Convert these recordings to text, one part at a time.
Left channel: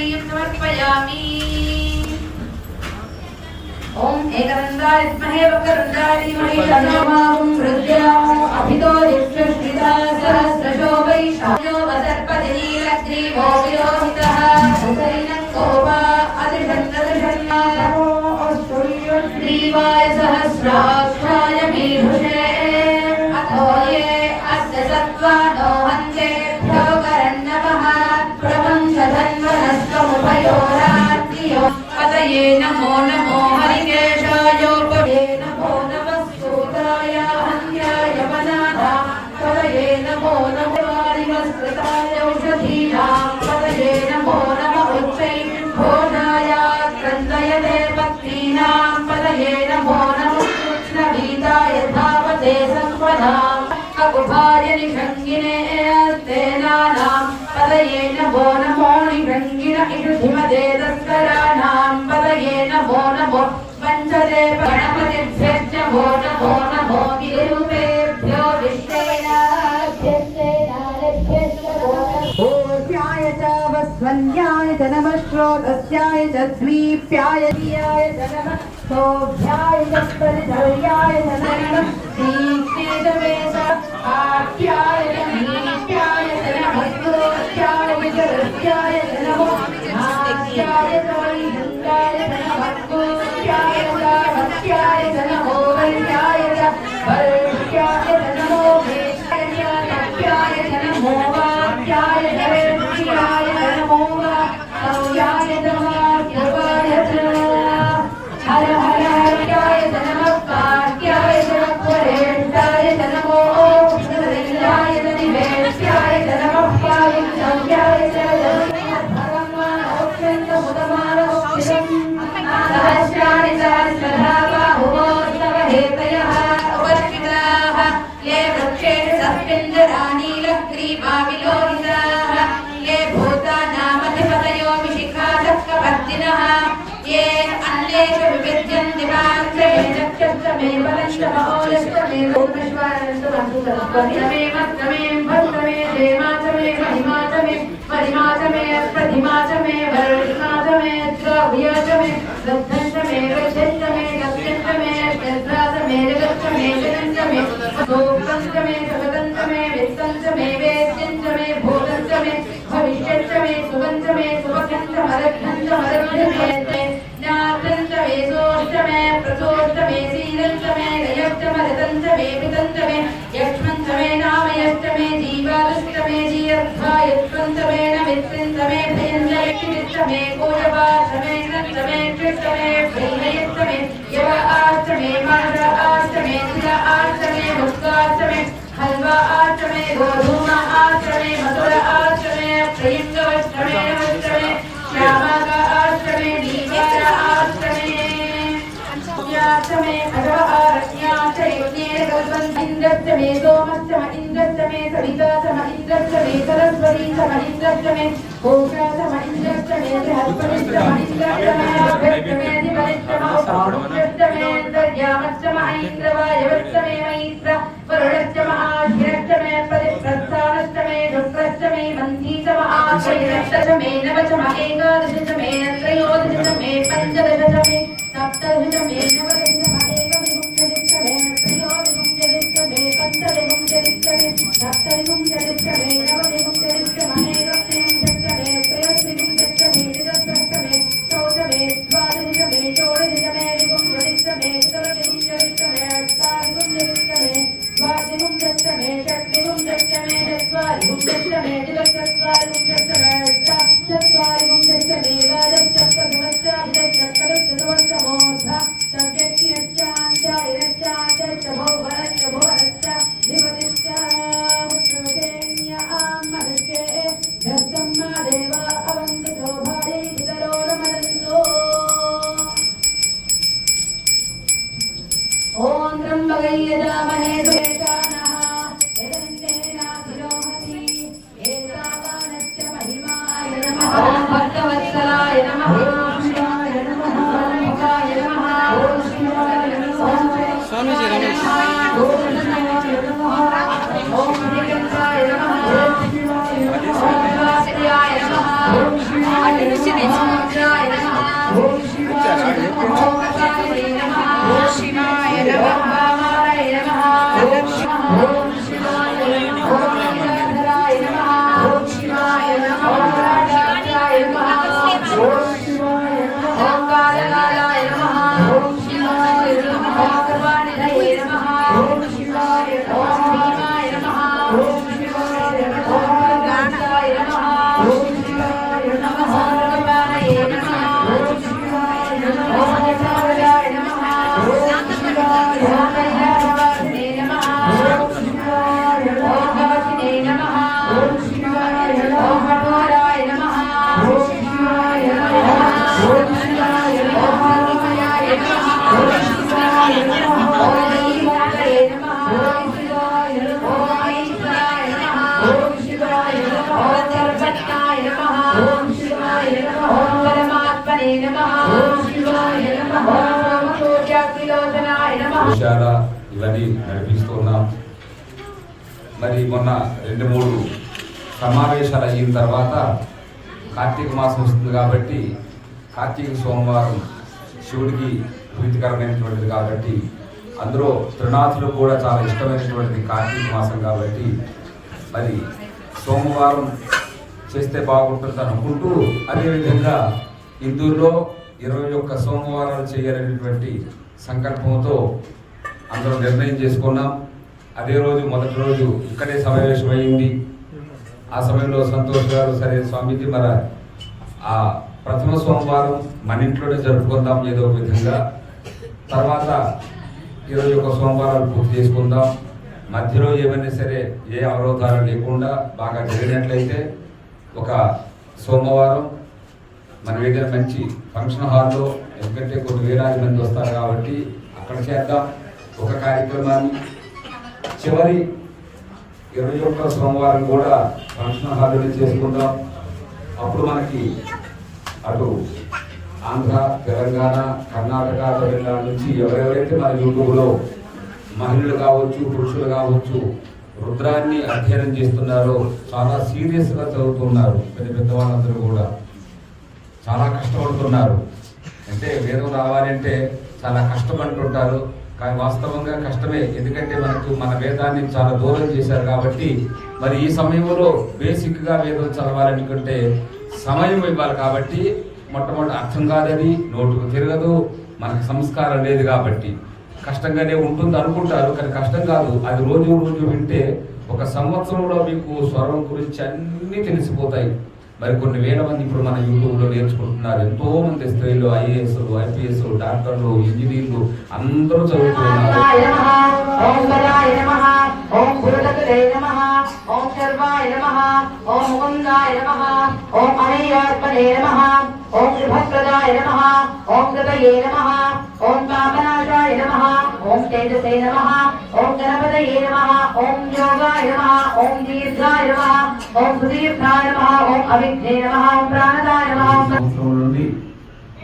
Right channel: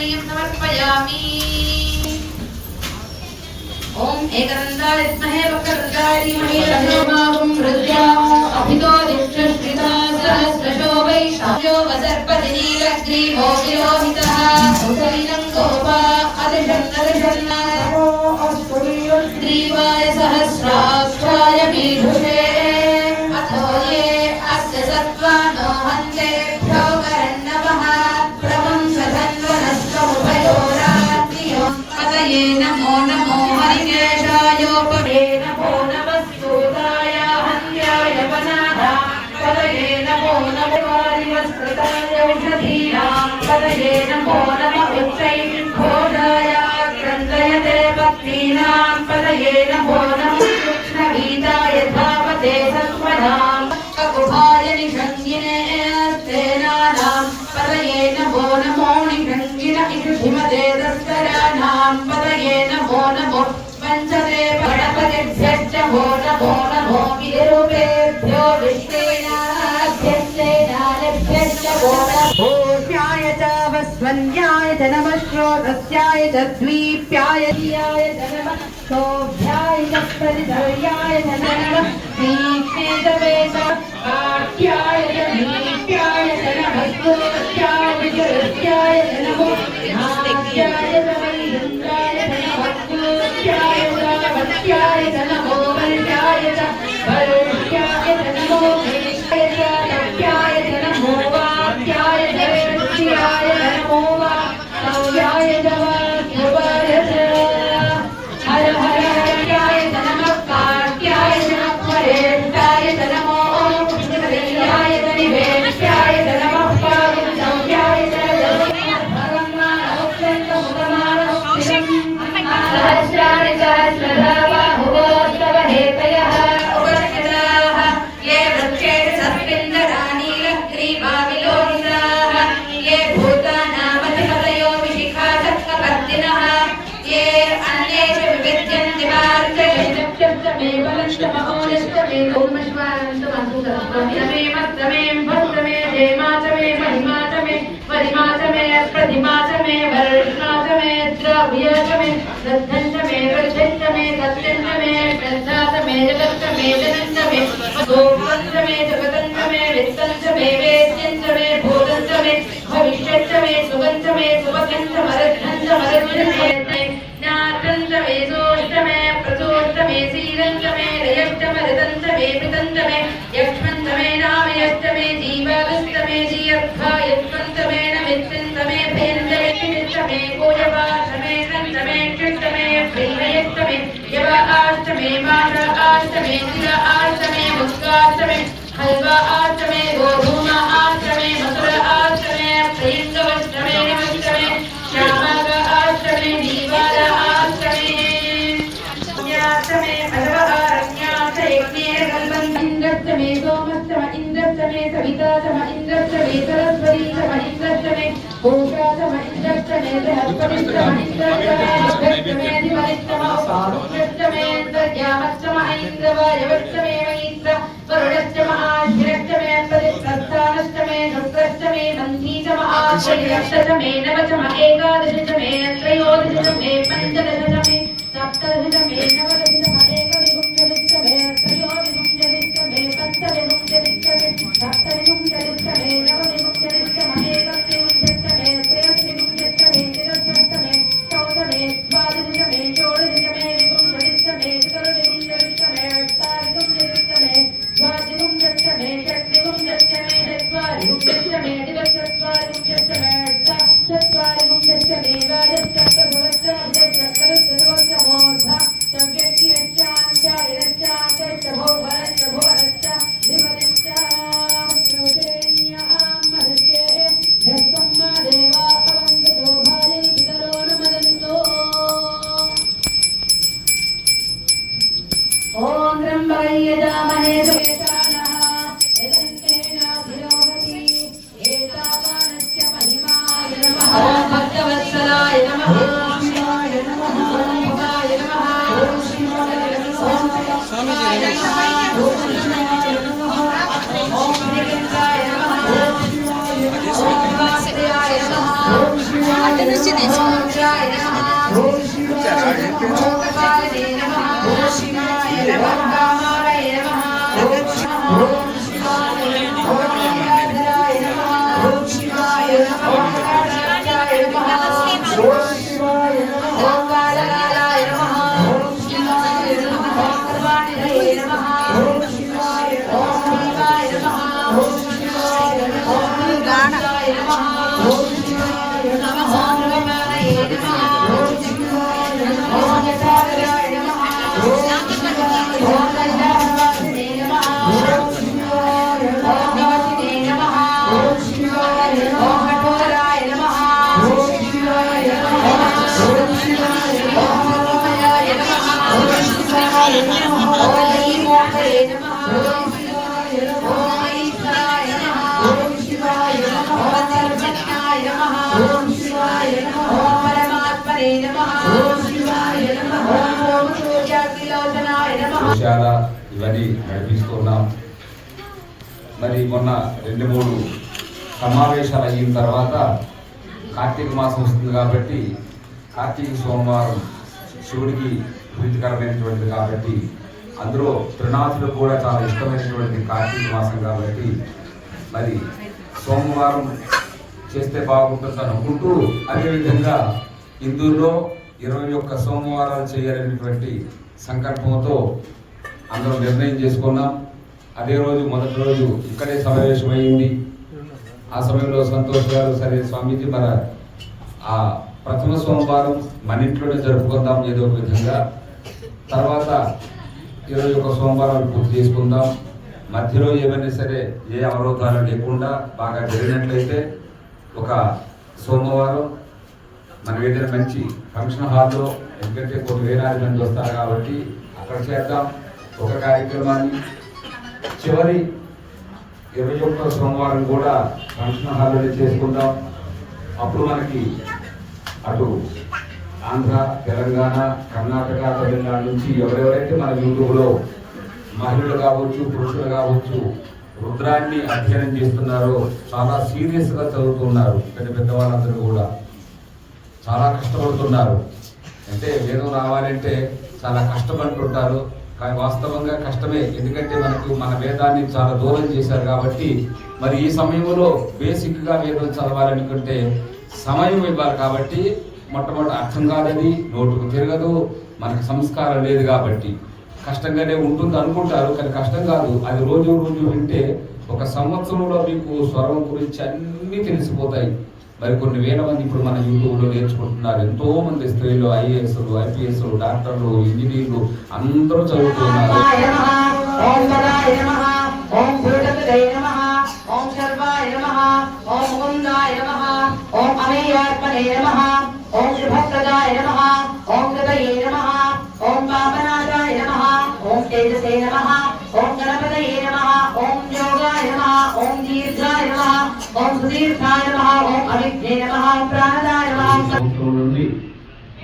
समर्पयामि ॐ एकरन्दाय विद्महे वक्रन्दाय धीमहि तन्नो माँ namo श्रोतस्याय च द्वीप्याय दियाय शोभ्याय च परिधर्याय श्रीश्रीदवेश आख्याय च दीप्याय च भक्तोत्याय च रत्याय च नमो। आख्याय च वैदुत्याय च भक्तोत्याय గోమేశ్వరంతో మంచిగా కలుపుకొని सविता च महिन्द्रश्च वेतरस्वरी च महिन्द्रश्च मे कोशा च महिन्द्रश्च मे बृहस्पतिश्च महिन्द्रश्च मे अधिपतिश्चमो पारुण्यश्च मेन्द्रयामश्च महैन्द्रवायवश्च मे महीन्द्र वरुणश्च महाश्विरश्च मे प्रस्थानश्च मे शुक्रश्च मे मन्दी च महाश्विरश्च च मे नव च म एकादश च मे त्रयोदश च मे पञ्चदश च मे सप्तदश च मे नवदश தத்தருகும் தடுத்த வேதா సూర్యాగ్నిలోచనాయ నడిపిస్తున్నాం. మరి మొన్న రెండు మూడు సమావేశాలు అయిన తర్వాత కార్తీక మాసం వస్తుంది కాబట్టి కార్తీక సోమవారం శివుడికి ప్రీతికరమైనటువంటిది కాబట్టి అందులో త్రినాథులు కూడా చాలా ఇష్టమైనటువంటి కార్తీక మాసం కాబట్టి మరి సోమవారం చేస్తే బాగుంటుంది అనుకుంటూ అదేవిధంగా హిందువుల్లో ఇరవై ఒక్క సోమవారాలు చేయాలనేటువంటి సంకల్పంతో అందరం నిర్ణయం చేసుకున్నాం. అదే రోజు మొదటి రోజు ఇక్కడే సమావేశమైంది ఆ సమయంలో సంతోష్ గారు సరే స్వామీజీ మన ఆ ప్రథమ సోమవారం మన ఇంట్లోనే జరుపుకుందాం ఏదో ఒక విధంగా. తర్వాత ఇరవై ఒక సోమవారాలు పూర్తి చేసుకుందాం. మధ్యలో ఏమైనా సరే ఏ అవరోధాలు లేకుండా బాగా జరిగినట్లయితే ఒక సోమవారం మనం ఏదైనా మంచి ఫంక్షన్ హాల్లో ఎందుకంటే కొన్ని వేలాది మంది వస్తారు కాబట్టి అక్కడ చేద్దాం. ఒక కార్యక్రమాన్ని చివరి ఇరవై ఒక్క సోమవారం కూడా ఫంక్షన్ హాల్లో చేసుకుంటాం. అప్పుడు మనకి అటు ఆంధ్ర తెలంగాణ కర్ణాటక తమిళనాడు నుంచి ఎవరెవరైతే మన యూట్యూబ్లో మహిళలు కావచ్చు పురుషులు కావచ్చు రుద్రాన్ని అధ్యయనం చేస్తున్నారో చాలా సీరియస్గా చదువుతున్నారు. పెద్ద పెద్దవాళ్ళందరూ కూడా చాలా కష్టపడుతున్నారు. అంటే వేదం రావాలంటే చాలా కష్టపడుతుంటారు. కానీ వాస్తవంగా కష్టమే. ఎందుకంటే మనకు మన వేదాన్ని చాలా దూరం చేశారు కాబట్టి మరి ఈ సమయంలో బేసిక్గా వేదం చదవాలనుకుంటే సమయం ఇవ్వాలి కాబట్టి మొట్టమొదటి అర్థం కాదని నోటుకు తిరగదు మనకు సంస్కారం లేదు కాబట్టి. కష్టంగానే ఉంటుంది అనుకుంటారు కానీ కష్టం కాదు. అది రోజు రోజు వింటే ఒక సంవత్సరంలో మీకు స్వరం గురించి అన్నీ తెలిసిపోతాయి. మరి కొన్ని వేల మంది ఇప్పుడు మన యూట్యూబ్లో నేర్చుకుంటున్నారు ఎంతో మంది స్త్రీలు ఐఏఎస్లు ఐపీఎస్ డాక్టర్లు ఇంజనీర్లు అందరూ చదువుతున్నారు ఓం నమః ఓం వరాయ నమః ఓం గురుడకులే నమః ఓం సర్వాయ నమః ఓం ముకుందాయ ఓం అనేయాత్మనే ఓం శుభప్రదాయ నమః ఓం కృతయే నమః ఓం ఓం తేజసే నమః ఓం గణపతయే నమః ఓం యోగాయ నమః ఓం దీర్ఘాయ నమః ఓం సుదీర్ఘాయ నమః సంవత్సరం నుండి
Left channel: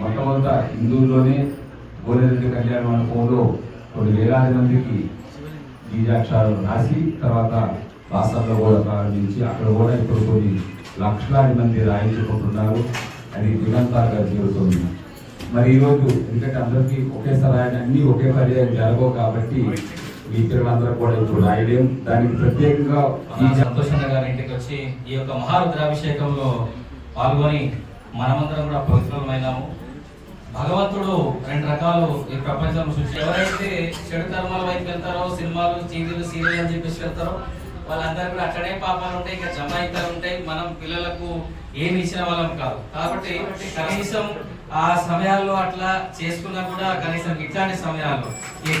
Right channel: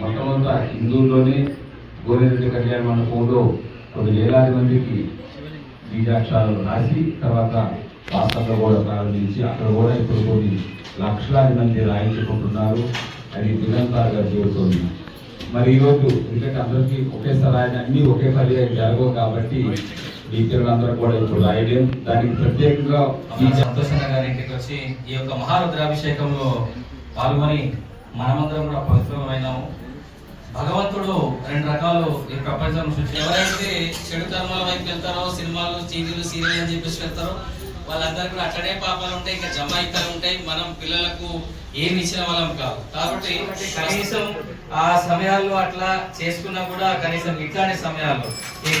మొట్టమొదట హిందువుల్లోనే గోరెడ్డి కళ్యాణ మండపంలో కొన్ని వేలాది మందికి బీజాక్షరాలు రాసి తర్వాత రాష్ట్రంలో కూడా ప్రారంభించి అక్కడ కూడా ఇప్పుడు కొన్ని లక్షలాది మంది రాయించుకుంటున్నారు. అది దిగంతాలుగా చేరుతుంది మరి ఈరోజు ఎందుకంటే అందరికీ ఒకేసారి ఆయన అన్నీ ఒకే ఒకేసారి జరగవు కాబట్టి ఈ పిల్లలందరూ కూడా ఇప్పుడు రాయలేం దానికి ప్రత్యేకంగా ఈ సంతోషంగా గారి ఇంటికి వచ్చి ఈ యొక్క మహారుద్రాభిషేకంలో పాల్గొని మనమందరం కూడా పవిత్రమైనాము. భగవంతుడు రెండు రకాలు ఈ ప్రపంచం సృష్టి ఎవరైతే చెడు కర్మల వైపు వెళ్తారో సినిమాలు టీవీలు సీరియల్ అని చెప్పేసి వెళ్తారో వాళ్ళందరూ కూడా అక్కడే పాపాలు ఉంటాయి ఇంకా జమాయితాలు ఉంటాయి మనం పిల్లలకు ఏమి ఇచ్చిన వాళ్ళం కాదు. కాబట్టి కనీసం ఆ సమయాల్లో అట్లా చేసుకున్నా కూడా కనీసం ఇట్లాంటి సమయాల్లో ఈ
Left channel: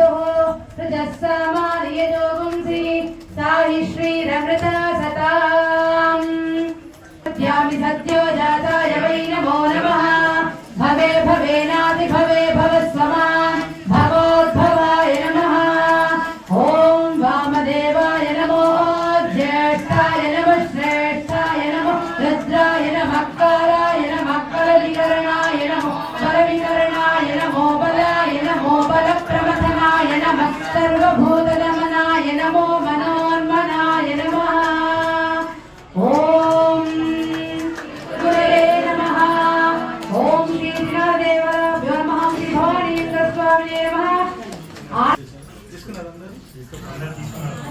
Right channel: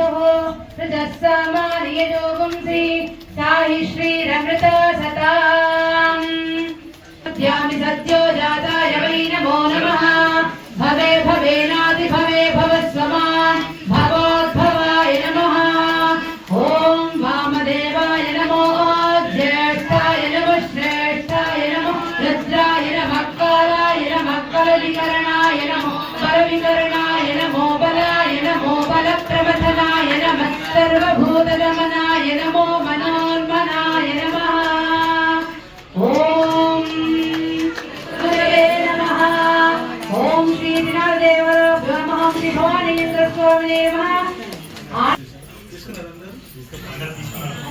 पितुः हृदस्समार्ययोगुंसि ताहि श्रीरमृता सता। భక్తవయ్యని